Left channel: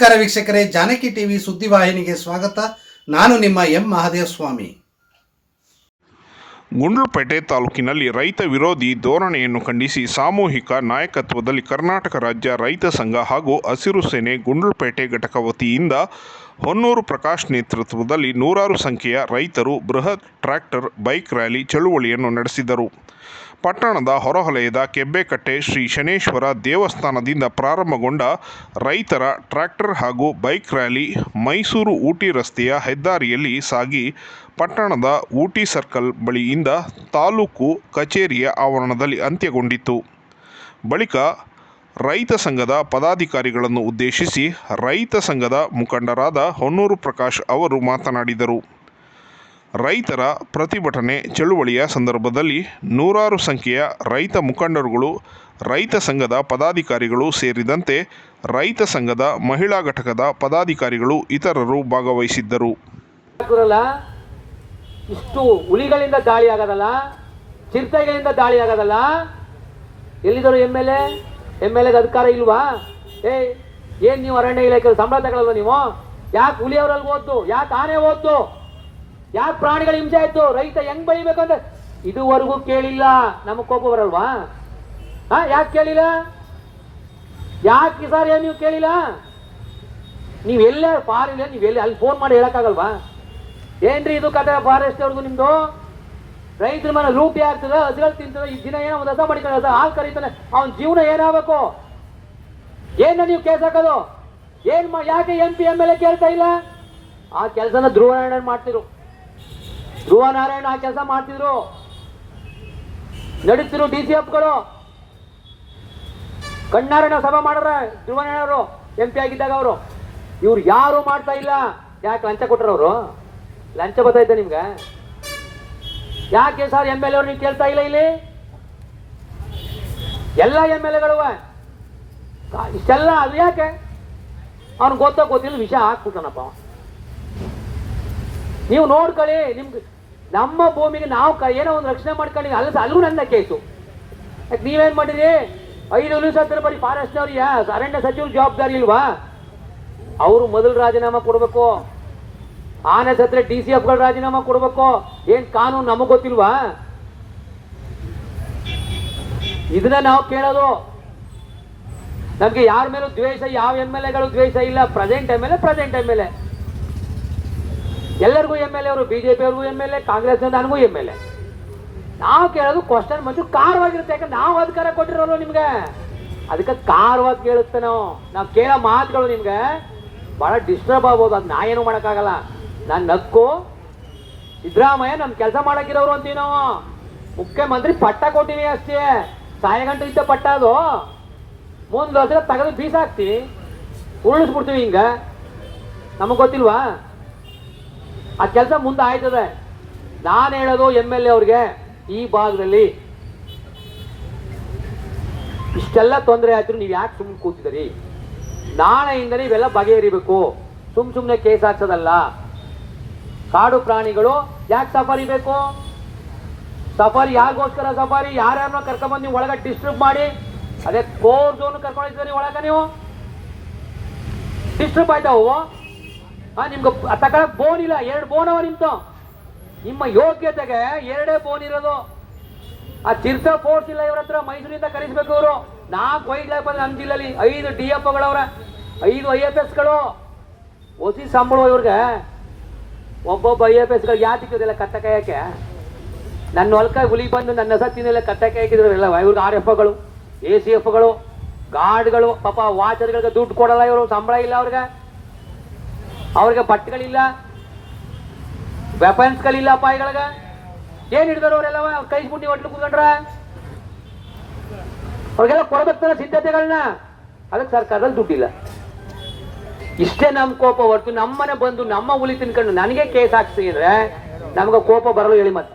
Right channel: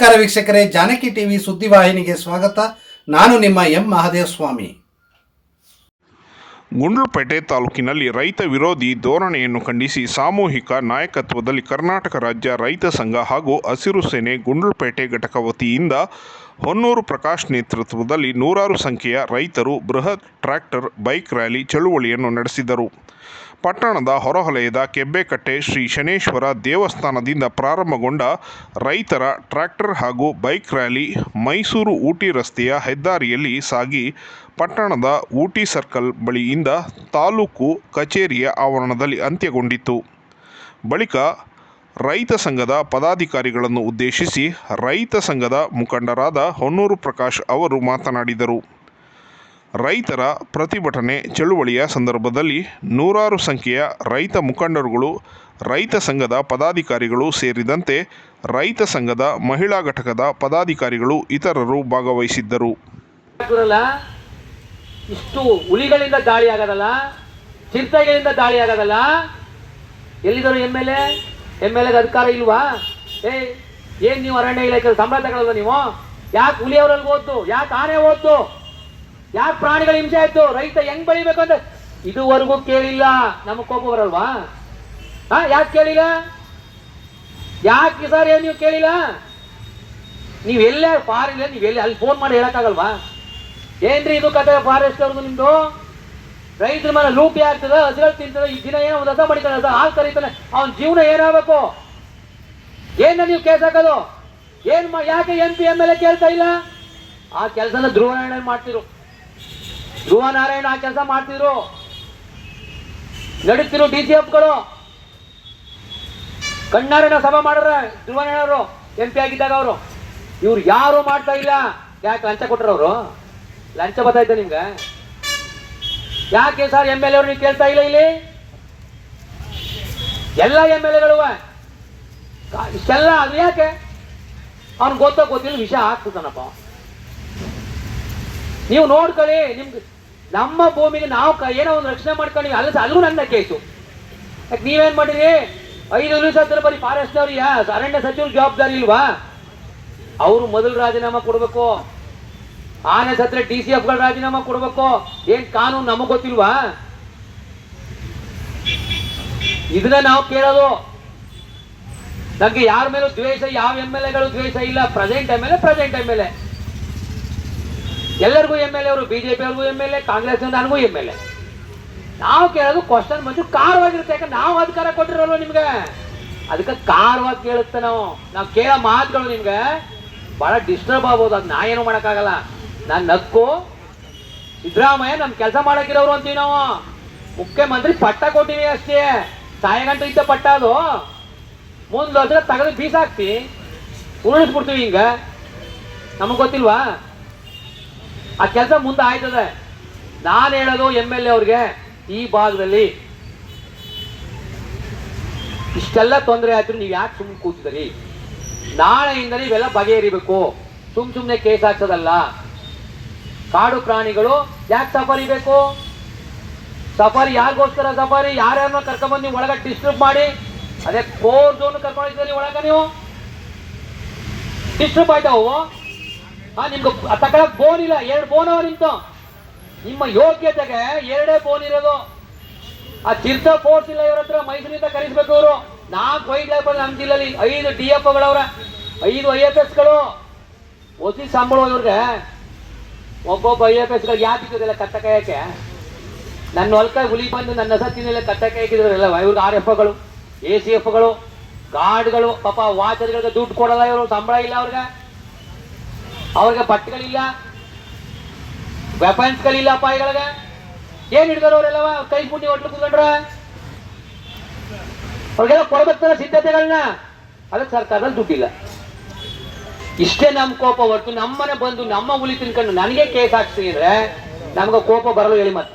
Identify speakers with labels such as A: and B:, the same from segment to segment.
A: ನಮಸ್ಕಾರ ವೀಕ್ಷಕರೇ, ಜಾನಕಿ ಟಿವಿ ಸುದ್ದಿವಾಹಿನಿಗೆ ಸ್ವಾಗತ. ನಾನು ನಿಮ್ಮ ಎಂ ಮಹಾದೇವ ಸ್ವಾಮಿ
B: ಗುಂಡ್ಲುಪೇಟೆ ತಾಲೂಕಿನಲ್ಲಿ ರೈತ ವಿರೋಧಿ ಧೋರಣೆಯನ್ನು ಖಂಡಿಸಿ ಸಾಮೂಹಿಕ ನಾಯಕತ್ವದಲ್ಲಿ ಕರ್ನಾಟಕ ರಾಜ್ಯ ರೈತ ಸಂಘ ಹಾಗೂ ಹಸಿರು ಸೇನೆ ಗುಂಡ್ಲುಪೇಟೆ ಘಟಕ ವತಿಯಿಂದ ಹೊನ್ನೂರು ಪ್ರಕಾಶ್ ನೇತೃತ್ವದಲ್ಲಿ ನೂರಾರು ಸಂಖ್ಯೆಯ ರೈತರು ಬೃಹತ್ ಟ್ರ್ಯಾಕ್ಟರ್, ಬೈಕ್ ರ್ಯಾಲಿ, ಚಳುವಳಿಯನ್ನು ನಡೆಸಿದರು. ಪಟ್ಟಣದ ಹೊರವಲಯದ ಕೆಬ್ಬೆಕಟ್ಟೆ ಶ್ರೀ ಶನೇಶ್ವರ ದೇವಸ್ಥಾನದಿಂದ ಪ್ರಾರಂಭಗೊಂಡ ರೈತರ ಟ್ರ್ಯಾಕ್ಟರ್ ಹಾಗೂ ಬೈಕ್ ರ್ಯಾಲಿ ಮೈಸೂರು ಊಟಿ ರಸ್ತೆಯ ಹೆದ್ದಾರಿಯಲ್ಲಿ ಸಾಗಿ ಪಟ್ಟಣದ ಊಟಿ ಸರ್ಕಲ್ ಬಳಿಯಿಂದ ತಾಲೂಕು ಕಚೇರಿಯ ಆವರಣದಲ್ಲಿ ಅಂತ್ಯಗೊಂಡಿತು ಬಳಿಕ ರೈತ ಸಂಘದ ಪದಾಧಿಕಾರಿಗಳನ್ನು ಉದ್ದೇಶಿಸಿ ರೈತ ಸಂಘದ ಮುಖಂಡರಾದ ಹೊನ್ನೂರು ಪ್ರಕಾಶ್ ಅವರು ಮಾತನಾಡಿದರು. ರೈತರ ಪ್ರತಿಭಟನೆ ಚಳುವಳಿಯ ಸಂದರ್ಭದಲ್ಲಿ ನೂರಾರು ಸಂಖ್ಯೆಯ ರೈತ ಮುಖಂಡರುಗಳು, ರೈತ ಸಂಘದ ಪದಾಧಿಕಾರಿಗಳು ಸೇರಿದಂತೆ ರೈತ ಸಂಘದ ಮಹಿಳಾ ಘಟಕದ ಪದಾಧಿಕಾರಿಗಳು ಇತರರು ಭಾಗವಹಿಸಿದ್ದರು.
C: ಇಷ್ಟು ಹುಲಿಗಳಿಂದ ದಾಳಿ ಆಗೋದಲ್ಲ? ಚಿರತೆಗಳಿಂದ ದಾಳಿ ಆಗೋದಲ್ಲ? ಎಲ್ಲಿದ್ದರು M L A? M L ಎಗೆ ಅಧಿಕಾರ ಇಲ್ವಾ? ಏ ಏನು ನೀವು ಅರಣ್ಯ ಇಲಾಖೆ ಸಂಬಳ ನೀವು? ಯಾಕೆ ಹುಲಿಯವರಲ್ಲಿ ಓದ್ದು? ಯಾಕೆ ಆನೆ ಓದ್ದು? ಯಾಕೆ ಪ್ರಾಣಿಗಳ ಹಿಂಸೆ ಆಯ್ತು? ರೈತ ಹೆಂಗ್ ಬೆಳಿಬೇಕು ಅಂತ ಇದುವರೆಗೂ ಕೇಳಿಲ್ಲ. ನಮಗ್ ಕೋಪ ಬರಲ್ವಾ? ಹಾ, ಯಾಕೆ ಕೇಳಿಲ್ಲ? ಯಾಕೆ ಸರ್ ಏನು ನೀವು ಕೇಳಿಲ್ಲ? ನೀವ್ ಎಲ್ಲೇ ಫಾರಿನ್ ನೀವ್ ಎಲ್ಲಿ ಅಲ್ಲಿ ಫೋನ್ ಮಾಡಿ ಹೇಳಕ್ಕಾಗಲ್ವಾ? ಏನ್ರಿ ಇದು ಕತೆ ಫಾರೆಸ್ಟ್ ಅವ್ರದ್ದು ನಿಮ್ದು? ರೈತರ ಮನೆ ಲೂಟಿ ಆಗ್ತದ ಅದ್ರಲ್ಲಿ ತಿಂತದ, ಈ ದಿನ ಏನೋ ಒಂದು ಹಸ ಬಡಿತಾನೆ, ಹಸ ಹಾಲು ಕರೀತಾನೆ, ಅವನ ಜೀವನ ಏನಾಗಬೇಕು? ಏನ ನೀವು ಕೇಸ್ ಹಾಕೋದು? ಏನ್ ಯಾಕೆ M P M L A ಕೇಳ್ತಾ ಇಲ್ಲ? ಆ ಕೆಲಸನ ಧ್ರುವ ನಾರಾಯಣ ಮಾಡ್ತಿರು ಧ್ರುವ ನಾರಾಯಣ ಆ ಕೆಲಸ ಮಾಡ್ತಿದ್ರು. ನಡೀತಿರು ಡಿ ಸಿ ಎಫ್ಗಳು. ಕಣ್ಣಾರನ ಸಭಾ ಮಾಡ್ರ ಧ್ರುವ ನಾರಾಯಣ ಎಂ ಪಿ ಆಗಿದ್ದಾಗ ಅವರು. ಇವ್ರು ಯಾರು ಮಾಡ್ತಾ ಇಲ್ಲ? ಯಾಕೆ ಲಂಚ ಕೊಟ್ರ ಅವರು? ಲಂಚ ಗೊತ್ತಾಯ್ತು ನಿಮ್ಗೆ? ಯಾಕೆ ಸರ್ ಎಂ ಎಲ್ ಎ ನೀವು ಕೇಳ್ತಾ ಇಲ್ಲ ಇಲ್ಲಿ? ಎಲ್ಲ ಎಂ ಎಲ್ ಎಗಳು ಇಷ್ಟೆಲ್ಲ ಅದು ಯಾಕೆ? ಅವ್ನ್ ಗೊತ್ತೋ ಗೊತ್ತಿಲ್ಲ, ವಿಷಯ ಹಾಕ್ಬಿಡ್ತಾನಪ್ಪ ನೀವು ನೋಡ್ಕೊಳ್ಳಿ, ನಿಮ್ಗೆ ನಮ್ಮ ಭೂಮಿಗೆ ನಾವು ಏನೋ ಒಂದು ರಕ್ಷಣೆ ಮಾಡ್ಕೊಂಡು ಅಲ್ಲ ಅಲ್ಲೂ ನನ್ನ ಕೇಸು. ಯಾಕೆ ನೀವೇನ್ ಮಾಡಿರಿ ಐದು ನಿಮಿಷ ಹತ್ತಿರ ಬರೀ ಫಾರೆಸ್ಟ್ ಅವ್ರಿಗೆ ಅರಣ್ಯ ಸಚಿವರು ಜವಾಬ್ದಾರಿ ಇಲ್ವಾ? ಅವರು ಮೊದಲು ರಾಜೀನಾಮೆ ಕೊಡಬೇಕು. ಆನೆ ಸತ್ರ ಡಿ ಸಿ ಎಫ್ಗಳು ರಾಜೀನಾಮೆ ಕೊಡಬೇಕು. ಏನ್ ಕಾನೂನು ನಮಗ್ ಗೊತ್ತಿಲ್ವಾ? ಇದನ್ನ ನಾವು ಕೇಳೋದು. ನಮ್ಗೆ ಯಾರ ಮೇಲೂ ದ್ವೇಷ, ಯಾವ ಎಂ ಎಲ್ ಎಗಳು ದ್ವೇಷ ಇಲ್ಲ. Present M L A present M L A ಎಲ್ಲರಿಗೂ ಎಂ ಎಲ್ ಎ ಅವರು, ಬಿಜೆಪಿ ಅವ್ರಿಗೂ ಎಂ ಎಲ್ ಎ, ಕಾಂಗ್ರೆಸ್ ನನಗೂ ಎಂ ಎಲ್ ಎ. ನಾವು ಕೇಳೋದು ಕ್ವಶನ್ ಮಂಜು ಕಾರವಾಗಿರುತ್ತೆ ಯಾಕಂದ್ರೆ ನಾವು ಅಧಿಕಾರ ಕೊಟ್ಟಿರೋಲ್ವ ನಿಮ್ಗೆ. ಅದಕ್ಕೆ ಕಾರವಾಗಿ ಕೇಳುತ್ತೆ ನಾವು. ನಾವು ಕೇಳೋ ಮಾತುಗಳು ನಿಮ್ಗೆ ಬಹಳ ಡಿಸ್ಟರ್ಬ್ ಆಗ್ಬೋದು. ಅದು ನಾ ಏನು ಮಾಡೋಕ್ಕಾಗಲ್ಲ. ನಾನು ನಕ್ಕು ಸಿದ್ದರಾಮಯ್ಯ ನಮ್ಮ ಕೆಲಸ ಮಾಡೋಕ್ಕಿರೋರು ಅಂತೀವಿ ನಾವು. ಮುಖ್ಯಮಂತ್ರಿ ಪಟ್ಟ ಕೊಟ್ಟಿನಿ ಅಷ್ಟೇ. ಸಾಯಗಂಟ ಇದ್ದ ಪಟ್ಟ ಅದು. ಮುಂದೆ ಹೋದ್ರೆ ತಗದು ಬೀಸಾಕ್ತಿ. ಉರುಳಿಸ್ಬಿಡ್ತೀವಿ ಹಿಂಗೆ. ನಮಗೆ ಗೊತ್ತಿಲ್ವಾ? ಆ ಕೆಲಸ ಮುಂದೆ ಆಯ್ತದೆ ನಾನು ಹೇಳೋದು ಎಂ ಎಲ್ ಎ ಅವ್ರಿಗೆ ಈ ಭಾಗದಲ್ಲಿ ಇಷ್ಟೆಲ್ಲ ತೊಂದರೆ ಆಯ್ತು, ನೀವು ಯಾಕೆ ಸುಮ್ಮನೆ ಕೂತಿದ್ರಿ ನಾಳೆಯಿಂದ ಇವೆಲ್ಲ ಬಗೆಹರಿಬೇಕು. ಸುಮ್ ಸುಮ್ಮನೆ ಕೇಸ್ ಹಾಕ್ಸೋದಲ್ಲ. ಕಾಡು ಪ್ರಾಣಿಗಳು ಯಾಕೆ ಸಫಾರಿ ಬೇಕು? ಸಫಾರಿ ಯಾರಿಗೋಸ್ಕರ ಸಫಾರಿ? ಯಾರ್ಯಾರನ್ನ ಕರ್ಕೊಂಡ್ಬಂದು ನೀವು ಒಳಗೆ ಡಿಸ್ಟರ್ಬ್ ಮಾಡಿ? ಅದೇ ಕೋರ್ ಜೋನ್ ಕರ್ಕೊಂಡಿದ್ದೀರಿ ಒಳಗ ನೀವು? ಡಿಸ್ಟರ್ಬ್ ಆಯ್ತಾವು ನಿಮ್ಗೆ ತಗೊಳಕ್ ಬೋನ್ ಇಲ್ಲ, ಎರಡು ಬೋನ್ ಅವ ನಿಂತು. ನಿಮ್ಮ ಯೋಗ್ಯತೆಗೆ ಎರಡೇ ಬೋನ್ ಇರೋದು. ಆ ಚಿರ್ತ ಫೋರ್ಸ್ ಇಲ್ಲ ಇವ್ರ ಹತ್ರ, ಮೈಸೂರಿಂದ ಕರೆಸ್ಬೇಕು ಅವರು ನಾಲ್ಕು ವೈಟ್ ಲೈಫ್ ನಮ್ಮ ಜಿಲ್ಲೆಯಲ್ಲಿ ಐದು ಡಿ ಎಫ್ ಗಳವ್ರ ಐದು ಐ ಎಫ್ ಎಸ್ಗಳು ಒಸಿ ಸಂಬಳ ಇವ್ರಿಗೆ. ಒಬ್ಬೊಬ್ಬ ಐ ಎಫ್ ಎಸ್ಗಳು ಯಾತಿಕ್ಕಿದೆಲ್ಲ ಕತ್ತ ಕಾಯಕ್ಕೆ? ನನ್ನ ಹೊಲಕಾಯಿ ಹುಲಿ ಬಂದು ನನ್ನ ಸತ್ತಿನೆಲ್ಲ ಕತ್ತ ಕಾಯಕಿದ್ರಲ್ಲ ಇವ್ರಿಗೆ ಆರ್ ಎಫ್ಗಳು ಎ ಸಿ ಎಫ್ಗಳು ಗಾರ್ಡ್ಗಳು, ಪಾಪ ವಾಚರ್ಗಳಿಗೆ ದುಡ್ಡು ಕೊಡಲ್ಲ ಇವರು, ಸಂಬಳ ಇಲ್ಲ ಅವ್ರಿಗೆ. ಅವ್ರಿಗೆ ಬಟ್ಟೆಗಳಿಲ್ಲ ವೆಪನ್ಸ್ಗಳಿಲ್ಲ ಅಪಾಯಗಳಿಗೆ ಏನ್ ಹಿಡಿದ್ರು ಅವರೆಲ್ಲವ? ಕೈ ಪುಣ್ಯ ಹೊಟ್ಟು ಕುತ್ಕೊಂಡ್ರ? ಅವ್ರಿಗೆಲ್ಲ ಕೊಡಬೇಕಲ್ಲ ಸಿದ್ಧತೆಗಳನ್ನ. ಅದಕ್ಕೆ ಸರ್ಕಾರದಲ್ಲಿ ದುಡ್ಡಿಲ್ಲ. ಇಷ್ಟೇ ನಮ್ ಕೋಪ ಹೊರತು ನಮ್ಮನೆ ಬಂದು ನಮ್ಮ ಹುಲಿ ತಿನ್ಕೊಂಡು ನನಗೆ ಕೇಸ್ ಹಾಕ್ಸಿದ್ರೆ ನಮ್ಗೆ ಕೋಪ ಬರಲು ಹೇಳಿ ಮತ್ತೆ.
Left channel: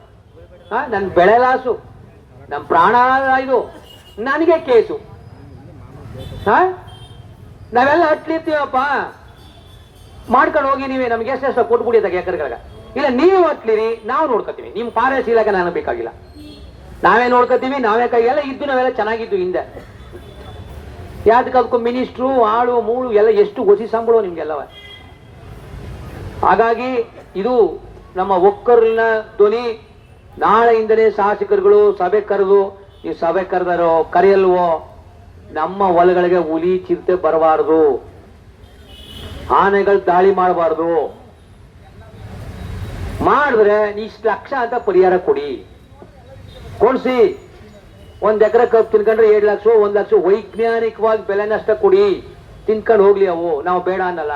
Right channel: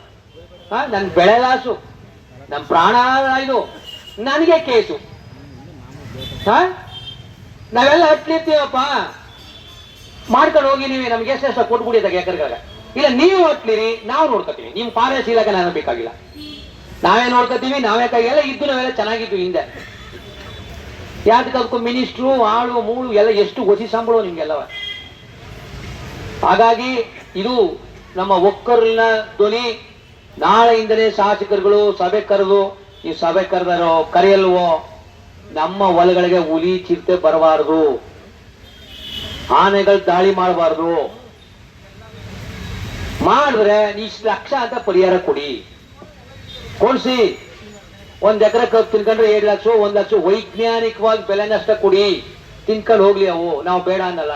C: ಹಾ, ನನ್ ಬೆಳೆ ಲಾಸು. ನಮ್ ಪ್ರಾಣ ಇದು. ನನಗೆ ಕೇಸು. ಹಾ, ನಾವೆಲ್ಲ ಹತ್ಲಿರ್ತೀವಪ್ಪ ಮಾಡ್ಕೊಂಡು ಹೋಗಿ ನೀವೇ ನಮ್ಗೆ ಎಷ್ಟೆಷ್ಟು ಕೊಟ್ಬಿಡಿ ಅದಾಗ ಎಕರೆಗಳ ಇಲ್ಲ, ನೀವು ಹತ್ಲಿರಿ ನಾವು ನೋಡ್ಕೋತೀವಿ. ನಿಮ್ ಫಾರೆಸ್ಟ್ ಇಲಾಖೆ ನಾನು ಬೇಕಾಗಿಲ್ಲ. ನಾವೇ ನೋಡ್ಕೋತೀವಿ, ನಾವೇ ಕೈ, ಎಲ್ಲ ಇದ್ದು ನಾವೆಲ್ಲ ಚೆನ್ನಾಗಿದ್ದು ಹಿಂದೆ. ಯಾತಕ್ಕೂ ಅದಕ್ಕೂ ಮಿನಿಸ್ಟ್ರು, ಆಳು, ಮೂಳು, ಎಲ್ಲ ಎಷ್ಟು ಹೊಸಿ ಸಂಬಳ ನಿಮ್ಗೆಲ್ಲವ. ಹಾಗಾಗಿ ಇದು ನಮ್ಮ ಒಕ್ಕರ್ನ ಧ್ವನಿ. ನಾಳೆಯಿಂದಲೇ ಶಾಸಕರುಗಳು ಸಭೆ ಕರೆದು, ಈ ಸಭೆ ಕರೆದರೋ, ಕರೆಯಲ್ವೋ, ನಮ್ಮ ಹೊಲಗಳಿಗೆ ಹುಲಿ ಚಿರತೆ ಬರಬಾರದು. ಆನೆಗಳು ದಾಳಿ ಮಾಡಬಾರ್ದು. ಮಾಡಿದ್ರೆ ಇಷ್ಟು ಲಕ್ಷ ಅಂತ ಪರಿಹಾರ ಕೊಡಿ. ಕೊಡ್ಸಿ. ಒಂದ್ ಎಕರೆ ಕಬ್ಬು ತಿನ್ಕೊಂಡ್ರೆ ಏಳು ಲಕ್ಷ, ಒಂದ್ ಲಕ್ಷ ವೈಜ್ಞಾನಿಕವಾಗಿ ಬೆಲೆ ನಷ್ಟ ಕೊಡಿ. ತಿನ್ಕೊಂಡು ಹೋಗ್ಲಿ ಅವು. ನಾವು ಬೇಡ ಅನ್ನಲ್ಲ.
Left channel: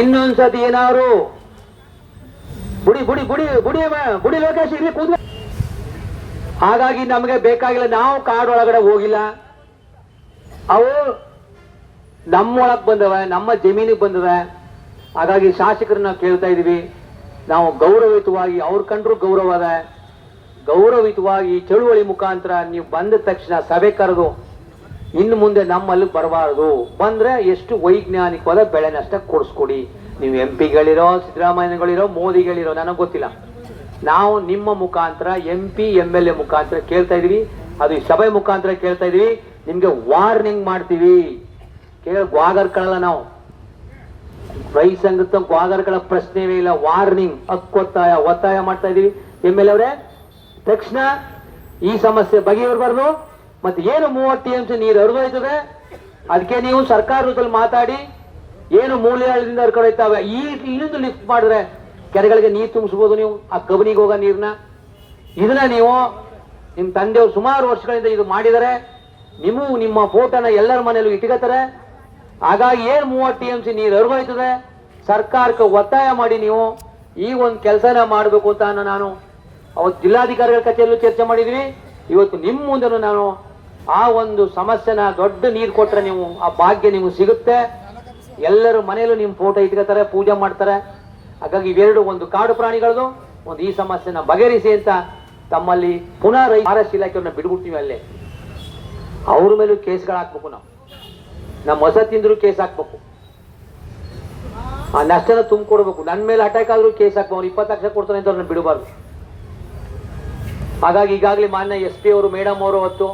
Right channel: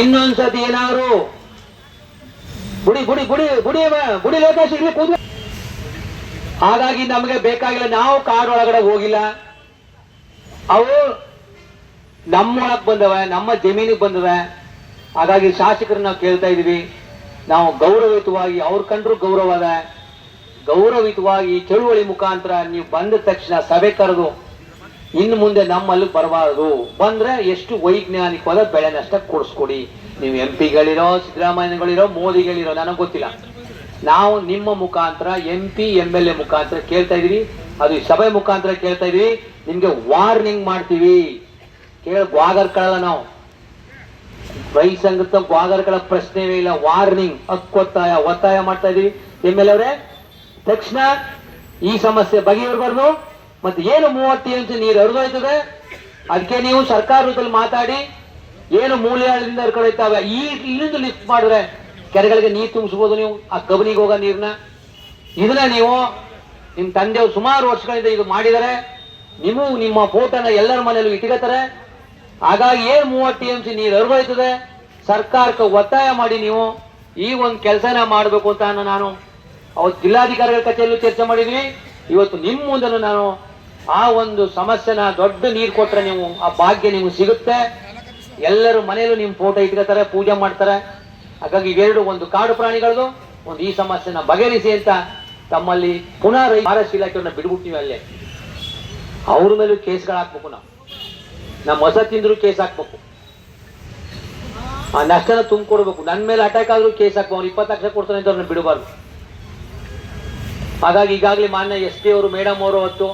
C: ಇನ್ನೊಂದ್ಸತಿ ಏನಾದ್ರು? ಗುಡಿ ಗುಡಿ ಗುಡಿ ಗುಡಿ ಗುಡಿ ಲೋಕೇಶ್ ಇಲ್ಲಿ ಕೂದ ಹಾಗಾಗಿ ನಮಗೆ ಬೇಕಾಗಿಲ್ಲ, ನಾವು ಕಾಡೊಳಗಡೆ ಹೋಗಿಲ್ಲ. ಅವು ನಮ್ಮೊಳಗ್ ಬಂದವ, ನಮ್ಮ ಜಮೀನಿಗೆ ಬಂದವೆ. ಹಾಗಾಗಿ ಶಾಸಕರನ್ನ ಕೇಳ್ತಾ ಇದೀವಿ. ನಾವು ಗೌರವಯುತವಾಗಿ, ಅವ್ರ ಕಂಡ್ರು ಗೌರವ ಅದ. ಗೌರವಯುತವಾಗಿ ಚಳುವಳಿ ಮುಖಾಂತರ ನೀವು ಬಂದ ತಕ್ಷಣ ಸಭೆ ಕರೆದು ಇನ್ನು ಮುಂದೆ ನಮ್ಮಲ್ಲಿ ಬರಬಾರದು. ಬಂದ್ರೆ ಎಷ್ಟು ವೈಜ್ಞಾನಿಕವಾದ ಬೆಳೆ ನಷ್ಟ ಕೊಡಿಸ್ಕೊಡಿ. ನೀವು ಎಂ ಪಿಗಳಿರೋ ಸಿದ್ದರಾಮಯ್ಯಗಳಿರೋ ಮೋದಿಗಳಿರೋ, ನನಗೆ ಗೊತ್ತಿಲ್ಲ. ನಾವು ನಿಮ್ಮ ಮುಖಾಂತರ, M P, M L A ಮುಖಾಂತರ ಕೇಳ್ತಾ ಇದೀವಿ. ಅದು ಸಭೆ ಮುಖಾಂತರ ಕೇಳ್ತಾ ಇದೀವಿ. ನಿಮ್ಗೆ ವಾರ್ನಿಂಗ್ ಮಾಡ್ತೀವಿ. ಕೇಳ ಗ್ವಾಗರ್ಕಳಲ್ಲ ನಾವು. ರೈ ಸಂಘದ ಗ್ವಾಗರ್ಗಳ ಪ್ರಶ್ನೆವೇ ಇಲ್ಲ ವಾರ್ನಿಂಗ್ ಹಕ್ಕೊತ್ತಾಯ ಒತ್ತಾಯ ಮಾಡ್ತಾ ಇದೀವಿ. ಎಂ ಎಲ್ ಅವರೇ ತಕ್ಷಣ ಈ ಸಮಸ್ಯೆ ಬಗೆಹರಬಾರ್ದು ಮತ್ತೆ ಏನು ಮೂವತ್ತು ಅಂತ ನೀರು ಹರಿದೋಯ್ತದೆ? ಅದಕ್ಕೆ ನೀವು ಸರ್ಕಾರದಲ್ಲಿ ಮಾತಾಡಿ, ಏನು ಮೂಲೆಗಳಿಂದ ಹರ್ಕೊಂಡೋಯ್ತಾವೆ? ಈ ಇಲ್ಲಿಂದ ಲಿಫ್ಟ್ ಮಾಡಿದ್ರೆ ಕೆರೆಗಳಿಗೆ ನೀರು ತುಂಬಿಸ್ಬೋದು ನೀವು, ಆ ಕಬನಿಗೆ ಹೋಗೋ ನೀರ್ನ ಇದನ್ನ ನೀವು ನಿಮ್ ತಂದೆಯವರು ಸುಮಾರು ವರ್ಷಗಳಿಂದ ಇದು ಮಾಡಿದರೆ ನೀವು ನಿಮ್ಮ ಫೋಟೋನ ಎಲ್ಲರ ಮನೆಯಲ್ಲೂ ಇಟ್ಕೋತಾರೆ ಹಾಗಾಗಿ ಏನ್ ಮೂವತ್ತು ಟಿ ಎಂ ಸಿ ನೀರು ಹರಿದೋಯ್ತದೆ? ಸರ್ಕಾರಕ್ಕೆ ಒತ್ತಾಯ ಮಾಡಿ ನೀವು ಈ ಒಂದು ಕೆಲಸನ ಮಾಡಬೇಕು ಅಂತ ನಾನು ಅವತ್ತು ಜಿಲ್ಲಾಧಿಕಾರಿಗಳ ಕಚೇರಿಯಲ್ಲೂ ಚರ್ಚೆ ಮಾಡಿದ್ವಿ ಇವತ್ತು ನಿಮ್ಮ ಮುಂದೆ ನಾನು ಆ ಒಂದು ಸಮಸ್ಯೆನ ದೊಡ್ಡ ನೀರು ಕೊಟ್ರೆ ನೀವು, ಆ ಭಾಗ್ಯ ನಿಮ್ಗೆ ಸಿಗುತ್ತೆ. ಎಲ್ಲರೂ ಮನೆಯಲ್ಲೂ ನಿಮ್ಮ ಫೋಟೋ ಇಟ್ಕೋತಾರೆ, ಪೂಜೆ ಮಾಡ್ತಾರೆ. ಹಾಗಾಗಿ ಇವೆರಡು ಒಂದು ಕಾಡು ಪ್ರಾಣಿಗಳದು. ಒಂದು ಈ ಸಮಸ್ಯೆನ ಬಗೆಹರಿಸಿ ಅಂತ ತಮ್ಮಲ್ಲಿ ಪುನಃ ರೈ ಇಲಾಖೆಯನ್ನು ಇಲಾಖೆಯನ್ನ ಅಲ್ಲೇ. ಅವ್ರ ಮೇಲೂ ಕೇಸ್ಗಳು ಹಾಕ್ಬೇಕು ನಾವು. ನಮ್ಮ ಹೊಸ ತಿಂದ್ರು ಕೇಸ್ ಹಾಕ್ಬೇಕು. ಆ ನಷ್ಟನ ತುಂಬಿಕೊಡ್ಬೇಕು. ನನ್ನ ಮೇಲೆ ಅಟ್ಯಾಕ್ ಆದ್ರೂ ಕೇಸ್ ಹಾಕ್ಬೇಕು. ಅವ್ನು ಇಪ್ಪತ್ತು ಲಕ್ಷ ಕೊಡ್ತಾನೆ ಅಂತ ಅವ್ರನ್ನ ಬಿಡಬಾರ್ದು. ಹಾಗಾಗಿ ಈಗಾಗಲೇ ಮಾನ್ಯ ಎಸ್ ಟಿ ಅವರು, ಮೇಡಮ್ ಅವರು ಹೊತ್ತು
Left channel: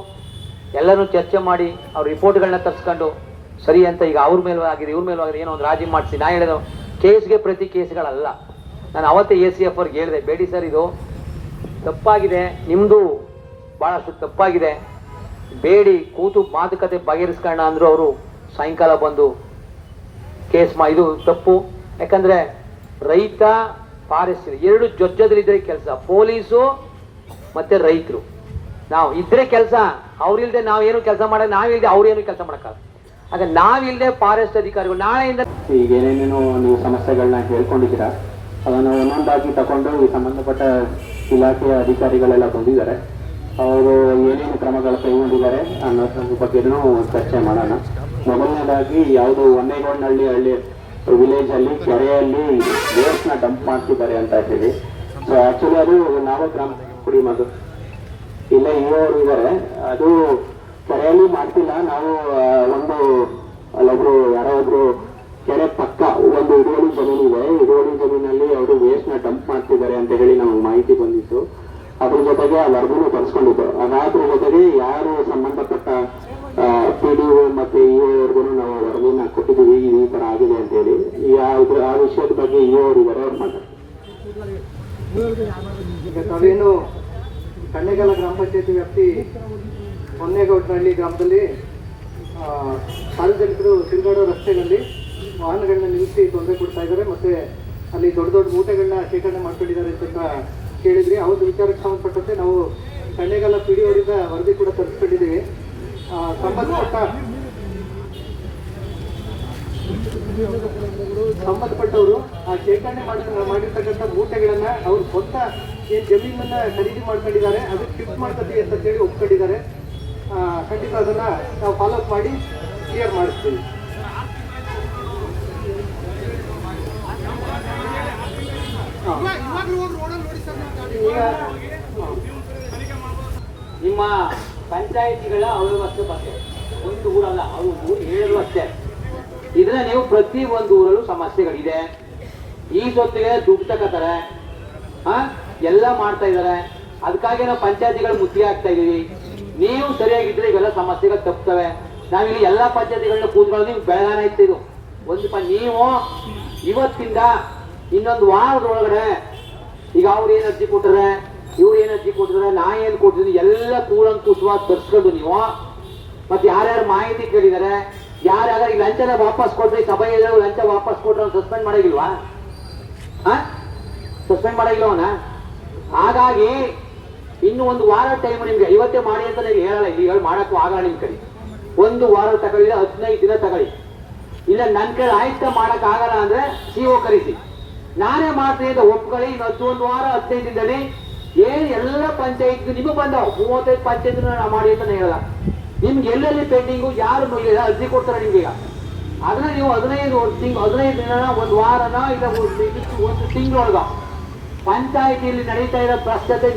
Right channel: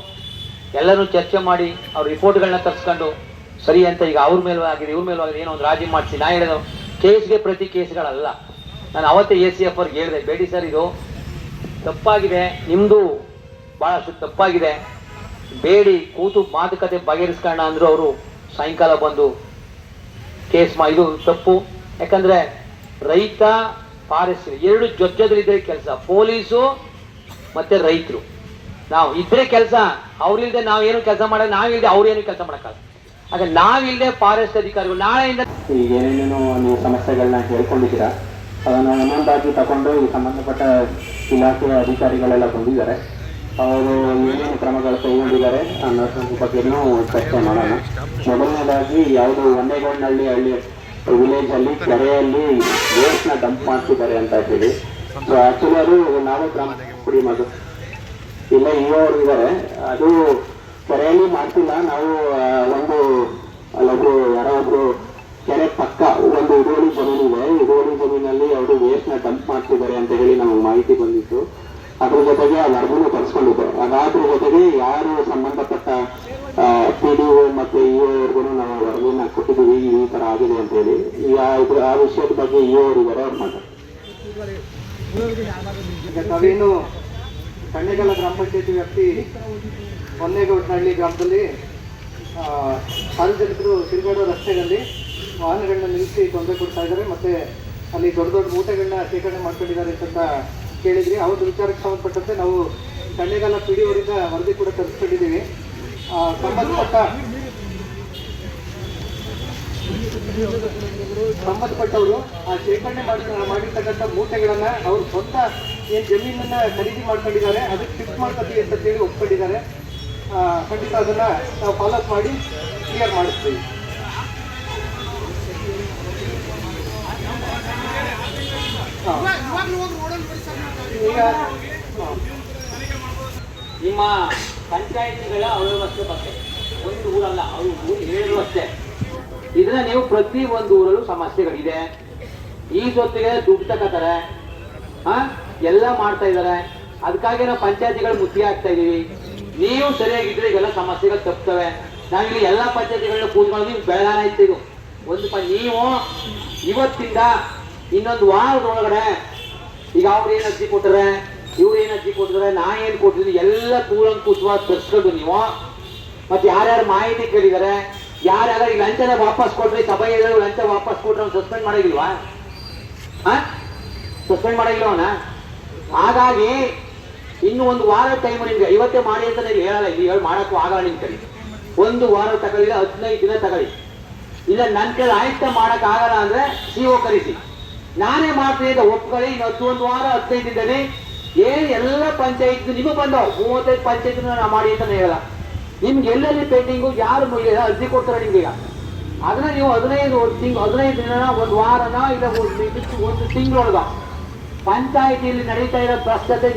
C: ಎಲ್ಲರೂ ಚರ್ಚೆ ಮಾಡಿ ಅವ್ರ ರಿಪೋರ್ಟ್ಗಳನ್ನ ತರಿಸ್ಕೊಂಡು ಸರಿ ಅಂತ ಈಗ ಅವ್ರ ಮೇಲೂ ಆಗಿದೆ, ಇವ್ರ ಮೇಲೂ ಆಗಿದೆ, ಏನೋ ಒಂದು ರಾಜಿ ಮಾಡಿಸಿ. ನಾ ಹೇಳಿದ ಕೇಸ್ಗೆ ಪ್ರತಿ ಕೇಸ್ಗಳಲ್ಲ. ನಾನು ಅವತ್ತೇ ಎ ಸಿ ಎಫ್ ಅವ್ರಿಗೆ ಹೇಳಿದೆ, ಬೇಡಿ ಸರ್, ಇದು ತಪ್ಪಾಗಿದೆ. ನಿಮ್ಮದು ಭಾಳಷ್ಟು ತಪ್ಪಾಗಿದೆ. ಬೇಡಿ, ಕೂತು ಮಾತುಕತೆ ಬಗೆಹರಿಸ್ಕೊಳ್ಳೋಣ ಅಂದರು ಅವರು ಸಾಯಂಕಾಲ ಬಂದು ಕೇಸ್ ಮಾ ಇದು ತಪ್ಪು. ಯಾಕಂದ್ರೆ ರೈತ ಫಾರೆಸ್ಟ್ ಎರಡು ಜೊಜ್ಜದ್ರಿದ್ರೆ ಕೆಲಸ. ಪೊಲೀಸು ಮತ್ತೆ ರೈತರು. ನಾವು ಇದ್ರೆ ಕೆಲಸ, ಅವ್ರಿಲ್ದೆ ನಾವೇನು ಕೆಲಸ ಮಾಡಕ್ ನಾವಿಲ್ದೆ ಅವ್ರೇನು ಕೆಲಸ ಮಾಡಕ್ಕಾಗ ಆಗ ನಾವಿಲ್ದೆ ಫಾರೆಸ್ಟ್ ಅಧಿಕಾರಿಗಳು ನಾಳೆಯಿಂದ
D: ಈಗ ಏನೇನೇನೋ ನೀವು ಸಮಸ್ಯೆಗಳನ್ನ ಹೇಳ್ಕೊಂಡಿದ್ದೀರಾ, ಅದನ್ನು ಒಂದೊಂದಾಗಿ ತಗೊಂಡು ಸಂಬಂಧಪಟ್ಟ ಇಲಾಖೆಯ ಅಧಿಕಾರಿಗಳೆಲ್ಲ ಬಂದಿದ್ದಾರೆ. ಅವರು ಏನೇನು ಕ್ರಮಗಳು ಕೈಗೊಂಡಿದ್ದಾರೆ ಅನ್ನೋದ್ರ ಬಗ್ಗೆನೂ ಚರ್ಚೆ ಮಾಡೋಣ. ಮೊದಲನೇದಾಗಿ ಯಾವುದು ಒಂದೇಗೌಡನಹಳ್ಳಿ ಹಳ್ಳಿ ವಿಲೇಜ್ ಅಲ್ಲಿ ಕೆರೆಯಲ್ಲಿ ವೇಸ್ಟ್ನ ಡಂಪ್ ಮಾಡ್ತಿದ್ದಾರೆ ಅಂತ ಹೇಳಿ. ಸೊ ಆಕ್ಚುಲಿ ಅದು ನಾವೇ ಗ್ರಾಮ ಕುಡಿ ಮದು ಇಲ್ಲ ಇವರು ಇದ್ದಾರೆ. ಅದು ಕೆರೆಯಲ್ಲಿ ಮಾಡ್ತಿಲ್ಲ. ನಾವು ಒಂದು
E: ತಾವೇನು ಕಣ್ಣೆಗಲ ಗ್ರಾಮ ಪಂಚಾಯತಿ ವ್ಯಾಪ್ತಿ ಹೊನ್ನೇಗೌಡನಹಳ್ಳಿ ಗ್ರಾಮದಲ್ಲಿ ಸಾರ್ವಜನಿಕರು ತಿರುಗಾಡೋ ರಸ್ತೆಗಳಲ್ಲಿ ವಾಹನಗಳನ್ನ ನಿಲ್ಲಿಸಿ ತೊಂದರೆ ಕೊಡ್ತಾ ಇದ್ದಾರೆ, ಮತ್ತೆ ಅಲ್ಲಿ ದೊಡ್ಡ ದೊಡ್ಡ ಮೂಟೆಗಳನ್ನ ಶೇಖರಣೆ ಮಾಡ್ಕೊಂಡಿದ್ದಾರೆ ಅಂತ ಆ ಒಂದು ವಿಚಾರಕ್ಕೆ ಸಂಬಂಧಪಟ್ಟಂತೆ ನಾವು ಕಣ್ಣೆಗಲ ಪಿ ವರದಿ ಕೂಡ ತರಿಸ್ಕೊಂಡಿದ್ದೀವಿ. ಸಂಬಂಧಪಟ್ಟ ಸಂಬಂಧಪಟ್ಟವರು ಆ ಶೇಖರಣೆ ಮಾಡಿ ಮಾಡಿರ್ತಕ್ಕಂಥ ಮೂಟೆಗಳನ್ನ ಅವ್ರ ಸ್ವಂತ ಈ ಜಮೀನನ್ನ ಖರೀದಿ ಮಾಡ್ಕೊಂಡಿದ್ದಾರೆ. ಅದು ಫಿಕ್ಸ್ ಮಾಡ್ಕೊತೀವಿ ಅಂತ ಹೇಳಿ ಒಪ್ಕೊಂಡಿದ್ದಾರೆ. ಖಂಡಿತ ಅದನ್ನ ನಾವು ಫಾಲೋ ಅಪ್ ಮಾಡಿ ಕ್ಲಿಯರ್ ಮಾಡಿಸ್ತೀವಿ.
C: ನಿಮ್ಮ ಪಂಚಾಯತಿಗಳ ಅವ್ಯವಸ್ಥೆ ಬಗ್ಗೆ. ಒಂದು ಊರಲ್ಲ, ಅವರು ಊರು ಹೇಳಿದ್ರು ಅಷ್ಟೇ. ಇದನ್ನ ನೀವು ಪ್ರತಿ ಒಂದು ಊರಲ್ಲೂ ಸಮಸ್ಯೆಗಳಿದೆ. ಈ ಸೊತ್ತಿಗೆ ದುಡ್ಡು ತಗೋತಾರೆ. ಹಾ? ಎಲ್ಲ ಮಾಡ್ತಾ ಇದ್ದಾರೆ. ಅದಕ್ಕಾಗಿ ನಾವು ಪಂಚಾಯತಿಗಳು ಮುತ್ತಿಗೆ ಹಾಕ್ತಾ ಇದೀವಿ. ನೀವು ಸರಿಯಾಗಿದ್ರೆ ಇವೆಲ್ಲ ಸಮಸ್ಯೆಗಳು ತಪ್ತವೆ. ನಾವಿಲ್ಲಿ ಎಲ್ಲ ಪಂಚಾಯತಿಗಳನ್ನ ಕೂತ್ಕೊಂಡು ನಿಮ್ಗೆ ಬೆಳಗಾನ ಇತ್ತು ಒಂದು ನೀವು ಇವತ್ತಿಂದ ಇನ್ನೊಂದು ವಾರದೊಳಗಡೆ ಈಗ ಅವ್ರು ಏನು ಅರ್ಜಿ ಕೊಟ್ಟರೆ ಇವ್ರು ಏನು ಅರ್ಜಿ ಕೊಟ್ಟಿದ್ರೆ ನಾ ಏನು ಕೊಟ್ಟಿದ್ದೀನಿ, ಎಲ್ಲ ಕೂಲಂಕುಷವಾಗಿ ತರಿಸ್ಕೊಂಡು ನೀವು. ಮತ್ತೆ ಯಾರ್ಯಾರು ಮಾಹಿತಿ ಕೇಳಿದ್ದಾರೆ ಯಾರ್ಯಾರು ಈ ಲಂಚನ ವಾಪಸ್ ಕೊಟ್ರಿ ಸಭೆ ಲಂಚ ವಾಪಸ್ ಕೊಟ್ರೆ ಸಸ್ಪೆಂಡ್ ಮಾಡಿಲ್ವಾ? ಹಾ? ಸಸ್ಪೆಂಡ್ ಅವನ? ಹಾಗಾಗಿ ಇನ್ನು ಒಂದು ವಾರ ಟೈಮ್ ನಿಮ್ಗೆ, ಇವತ್ತೇ ಮಾಡಿ ಅಂತ ನೀವು ಹೇಳಲ್ಲ, ಇಲ್ಲಿ ಹೇಳಿ ಮಾಡೋಕ್ಕೂ ಆಗಲ್ಲ ನಿಮ್ ಕಡೆ. ಒಂದು ವಾರ ತಗೊಳ್ಳಿ ಹದಿನೈದು ದಿನ ತಗೊಳ್ಳಿ. ಇಲ್ಲ ನನ್ನ ಕೈ ಆಯುಕ್ತ ಮಾಡಕ್ ಆಗಲ್ಲ ಅಂದ್ರೆ ಸಿಒ ಕರೆಸಿ. ನಾನೇ ಮಾಡ್ತೀನಿ ಅಂತ ಒಪ್ಕೊಳ್ಳಿ ಇನ್ನು ಒಂದು ವಾರ ಹದಿನೈದು ದಿನದಲ್ಲಿ ಏನ್ ಎಲ್ಲ ಪಂಚಾಯತ್ ನಿಮಗೆ ಬಂದವು, ಮೂವತ್ತೈದು ಪಂಚಾಯತ್ ಮಾಡಿ ಅಂತ ಹೇಳಲ್ಲ. ನಿಮ್ಗೆ ಎಲ್ಲೆಲ್ಲಿ ಪೆಂಡಿಂಗು, ಯಾರು ಅರ್ಜಿ ಕೊಡ್ತಾರೆ ನಿಮ್ಗೆ ಅದನ್ನ ನೀವು ಹದಿನೈದು ತಿಂಗ್, ಹದಿನೈದು ದಿನ ಒಂದು ವಾರನ, ಇಲ್ಲ ಒಂದು ತಿಂಗಳೊಳಗ ಪಂಚಾಯತಿಯಲ್ಲಿ ನಡೀತಾ ಇರೋ ಭ್ರಷ್ಟತೆ